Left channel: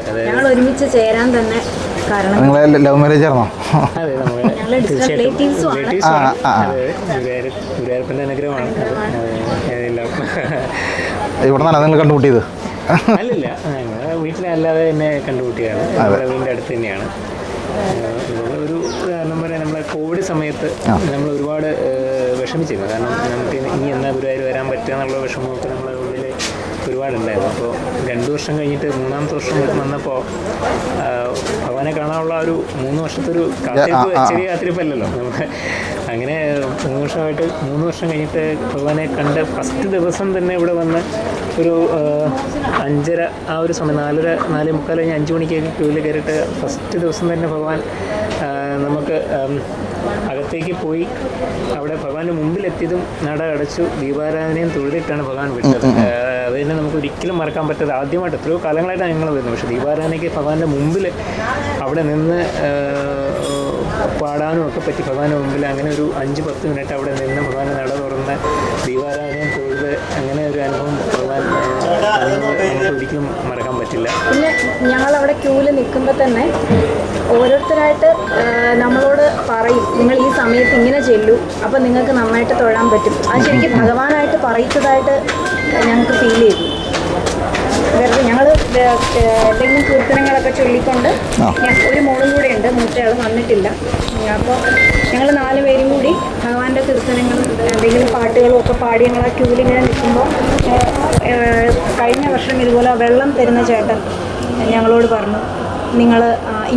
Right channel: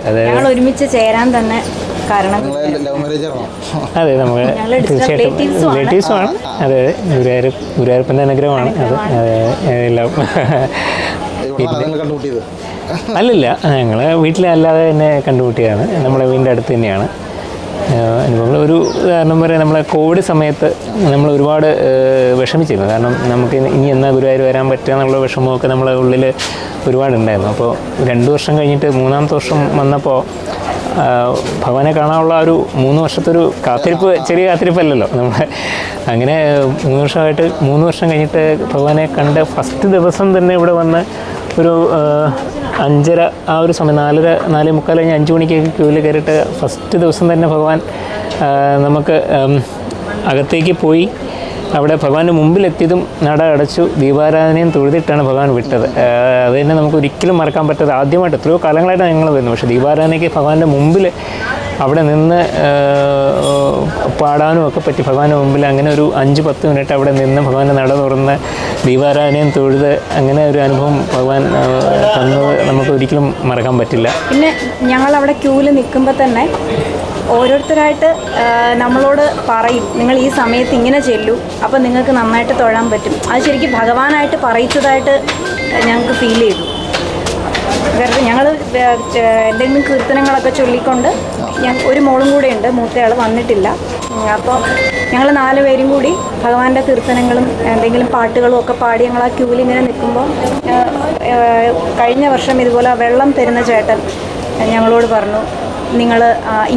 ഉണ്ട്. ഞങ്ങൾ ഒരുമിച്ച് ചേരാൻ തന്നെ കാരണം നിങ്ങളെ ലവ് മാരേജ് അതെ നമ്മൾ തീർച്ചയായിട്ടും റിലേറ്റീവ്സ് ആണ്. ആ, ആ. അതെ ഗുരുവായൂർ ഗുരുവായൂരപ്പന്റെ അനുഗ്രഹമാണ്. അത് അതെ, എല്ലാം ഇവിടെ നിന്നാണ് നിങ്ങൾ കണ്ടുമുട്ടിയത്? അല്ലല്ല ഞങ്ങൾ വീട്ടിലല്ലാതെ തന്നെ കണ്ടുമുട്ടിയാണ് നമ്മുടെ വീടിന്റെ അടുത്ത് തന്നെയാണ്. എനിക്കുള്ള ഒരു ഉദാഹരണം പറയാം നമ്മളെ കോവിഡ് സമയത്ത് നമ്മൾ ഒരുപാട് വിഷമിച്ചിരുന്നു. കാരണം നമുക്ക് ഇനി- എന്നാൽ എന്നാ ഗുരുവായൂർ വരാൻ പറ്റുക എന്നുള്ള വിഷമമൊക്കെ നമ്മളെ ഉള്ളിൽ ഒരുപാടുണ്ടായിരുന്നു. അപ്പോൾ രണ്ട് വർഷം കഴിഞ്ഞിട്ട് മൂന്നാമത്തെ വർഷം വന്നപ്പോൾ ഭഗവാനെ കാണാനുള്ള ഒരു മൂന്ന് വർഷത്തെ ഒരു കാത്തിരിപ്പ്. ചെറിയ കാത്തിരിപ്പല്ലല്ലോ. നമ്മൾ അങ്ങനെ മൂന്ന് വർഷമായിട്ട് മൂന്ന് വർഷം കഴിഞ്ഞിട്ട് ഭഗവാനെ കണ്ട ഫസ്റ്റ് ദിവസം തന്നെ ഇവിടെ വന്ന് ഒരു അഞ്ചര ആ ഒരു സമയം നാലര നാല് മുക്കാൽ കഴിഞ്ഞ് അഞ്ച് മണിക്കൊക്കെ ക്യൂവിൽ കയറിയിട്ട് ഫസ്റ്റ് ദിവസം തന്നെ ഭഗവാൻ ആ, നമുക്ക് അകത്തേക്ക് പോയി അവിടെ ഭഗവാന്റെ മുമ്പിലെത്തിയതും നട അടച്ചു ദീപാരാധനയും തൊഴുതിട്ടാണ് ഭഗവാൻ വിട്ടത്. അത് തന്നെ നമുക്ക് ഒരിക്കലും മറക്കാൻ പറ്റാത്ത ആദ്യമായിട്ട് എത്രയോ കാലങ്ങളായിട്ട് ഞങ്ങൾ വരുന്നു പക്ഷേ ദീപാരാധനയ്ക്ക് ഭഗവാന്റെ മുമ്പിൽ അവിടെ നിന്ന് പാടാനും ഒക്കെ പറ്റി. ഭഗവാന്റെ മുമ്പിൽ അങ്ങനെ ഒരു അഞ്ച് പത്ത് മിനിറ്റ് അവിടെ നിന്ന് ഭഗവാന്റെ നട തുറന്ന് ദീപാരാധനയും തൊഴുത് അങ്ങനെ ഒരു അനുഭവം ഭഗവാൻ തന്നത് നമുക്ക് ഒരിക്കലും മറക്കാൻ പറ്റില്ല. പിന്നെ ഞങ്ങൾ അവിടെ ക്യൂവിൽ നിൽക്കുമ്പോൾ തന്നെ ഓരോരുത്തരായിട്ട് നമ്മളോട് പറയും നിങ്ങൾ ഈ സമയത്ത് ഇങ്ങനെ ചെല്ലൂ അപ്പോൾ നിങ്ങൾക്ക് നന്നായിട്ട് തൊഴാൻ പറ്റും. അത് ശരിക്കും ഭഗവാനായിട്ട് പറയിച്ചതായിട്ട് ഞങ്ങൾക്ക് ഫീൽ ചെയ്യും ഞങ്ങൾ എന്തെങ്കിലും കീർത്തനങ്ങളൊക്കെ ചൊല്ലിക്കൊണ്ട് ഞാൻ ഒരു മോളും കൂടെ ഉണ്ട് മൂത്തയാൾ വന്നിട്ടില്ല. അപ്പോൾ ഞങ്ങൾ നാല് പേരും കൂടി ഭഗവാന്റെ കീർത്തനങ്ങളും എന്തെങ്കിലും പാട്ടുകളും ഒക്കെ പാടി ഞങ്ങൾ ആ ക്യൂവിൽ ഇങ്ങനെ നിൽക്കുമ്പോൾ കഴിഞ്ഞ വർഷം ഇതുപോലെ വെള്ളം തരുന്ന ചേട്ടൻ ഞങ്ങളോട് പറഞ്ഞു. നിങ്ങൾ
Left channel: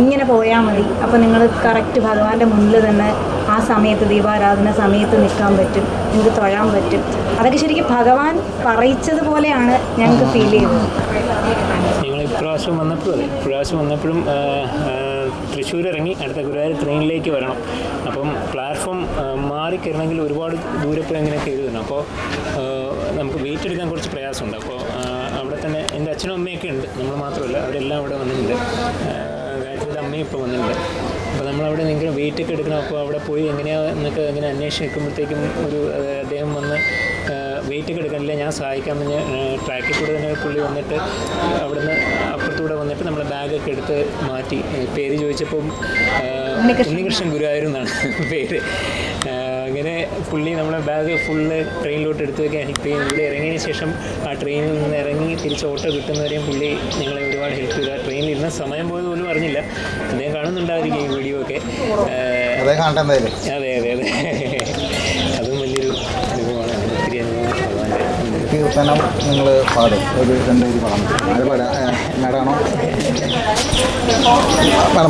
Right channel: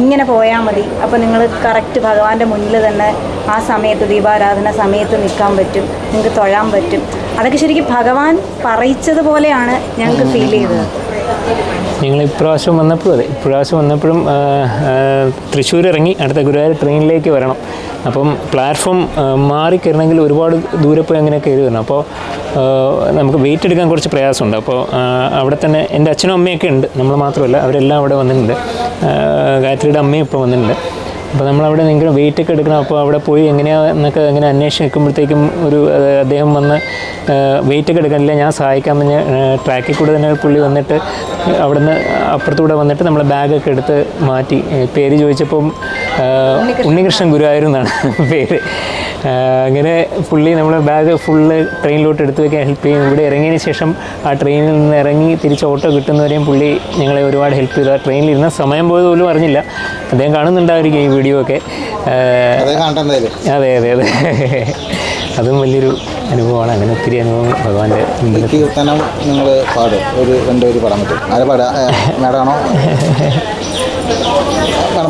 ഇങ്ങനെ പോയാൽ മതി. അപ്പോൾ നിങ്ങൾ കറക്റ്റ് ഭഗവാന്റെ മുന്നിൽ തന്നെ ആ സമയത്ത് ദീപാരാധന സമയത്ത് നിൽക്കാൻ പറ്റും. നിങ്ങൾക്ക് തൊഴാൻ പറ്റും. അതൊക്കെ ശരിക്കും ഭഗവാൻ പറയിച്ചതുപോലെയാണ് ഞങ്ങൾക്ക് ഫീൽ ചെയ്തത് ഞങ്ങൾ ഇപ്രാവശ്യം വന്നപ്പോൾ അതെ ഇപ്രാവശ്യം വന്നപ്പോഴും തൃശ്ശൂർ ഇറങ്ങി അടുത്ത ഗുരുവായൂർ ട്രെയിനിലേക്ക് വരണം. അപ്പം പ്ലാറ്റ്ഫോം ആ, മാറി കയറണമെങ്കിൽ ഒരുപാട് ദൂരെ പോയി അങ്ങനെ കയറി വരണം. അപ്പോൾ നമുക്ക് വെയിറ്റ് എടുക്കാൻ കുറച്ച് പ്രയാസമുണ്ട്. അപ്പോൾ അവിടെ തന്നെ എന്റെ അച്ഛനും അമ്മയൊക്കെ ഉണ്ട്. നമ്മൾ മാത്രമല്ല അവരെല്ലാം അവിടെ വന്നിട്ടുണ്ട്. ഗായത്രിയുടെ അമ്മയും ഇപ്പോൾ വന്നിട്ടുണ്ട്. അപ്പോൾ നമ്മളവിടെ ഭയങ്കര വെയിറ്റ് ഒക്കെ എടുക്കണം. അപ്പോൾ അവിടെ പോയി എങ്ങനെയാണെന്നൊക്കെ അങ്ങനെ അന്വേഷിച്ച് നിൽക്കുമ്പോഴത്തേക്കും ഒരു അദ്ദേഹം വന്ന് വെയിറ്റ് ഒക്കെ എടുക്കാനില്ല ഞാൻ സഹായിക്കാമെന്ന് ട്രാക്കിൽ കൂടെ തന്നെ പുള്ളി വന്നിട്ട് അവിടുന്ന് അപ്പുറത്തൂടെ വന്നിട്ട് നമ്മളെ ബാഗൊക്കെ എടുത്ത് മാറ്റി. പേര് ചോദിച്ചപ്പം ഉണ്ണികൃഷ്ണൻ ഗുരുവായൂർ എന്നാണ് പേര്. അങ്ങനെ ഫുള്ളി നമ്മളെ ബാഗ് ഫുള്ള് ട്രെയിനിലോട്ട് എടുത്ത് വെക്കാൻ ഹെൽപ്പ് ചെയ്യും. ഇവിടെ ഇറങ്ങിയതിന് ശേഷം ആ ട്രെയിനിൽ നിന്ന് ഇറങ്ങി തിരിച്ച് ഓട്ടോ കിട്ടുന്നവരെയും പുള്ളി ഞങ്ങളെ ഒരുപാട് ഹെൽപ്പ് ചെയ്തു. ആ ട്രെയിനിൽ ഇരുന്ന സമയം പോയത് പോലും അറിഞ്ഞില്ല. അദ്ദേഹം കാണുന്നുണ്ടായിരിക്കും ഈ വീഡിയോ ഒക്കെ. അതേ അതെ അതെ അതെ. അതും വലിയൊരു അനുഭവമാണ്. അങ്ങനെ ഒത്തിരി അനുഭവം ഭഗവാന്റെ കീർത്തനം നിങ്ങൾ പാടും. ഒരു രണ്ടുപേര് പാടാൻ പറ്റും. ആരെ പാടാ മേഡമാണോ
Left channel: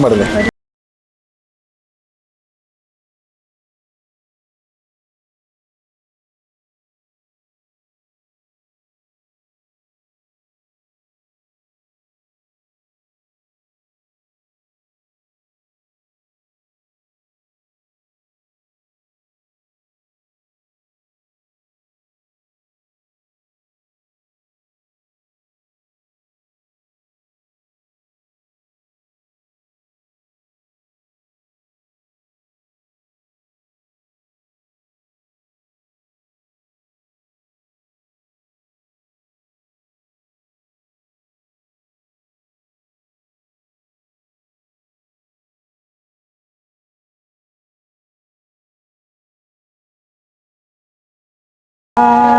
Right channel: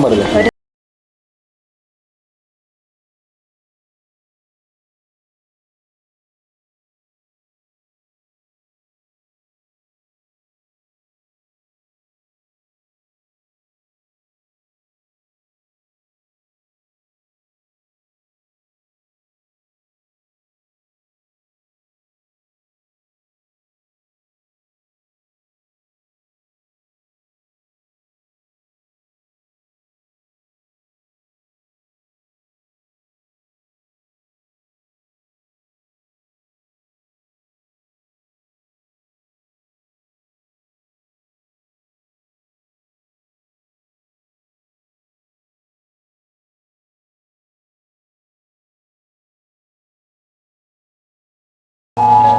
പാടില്ല Uh...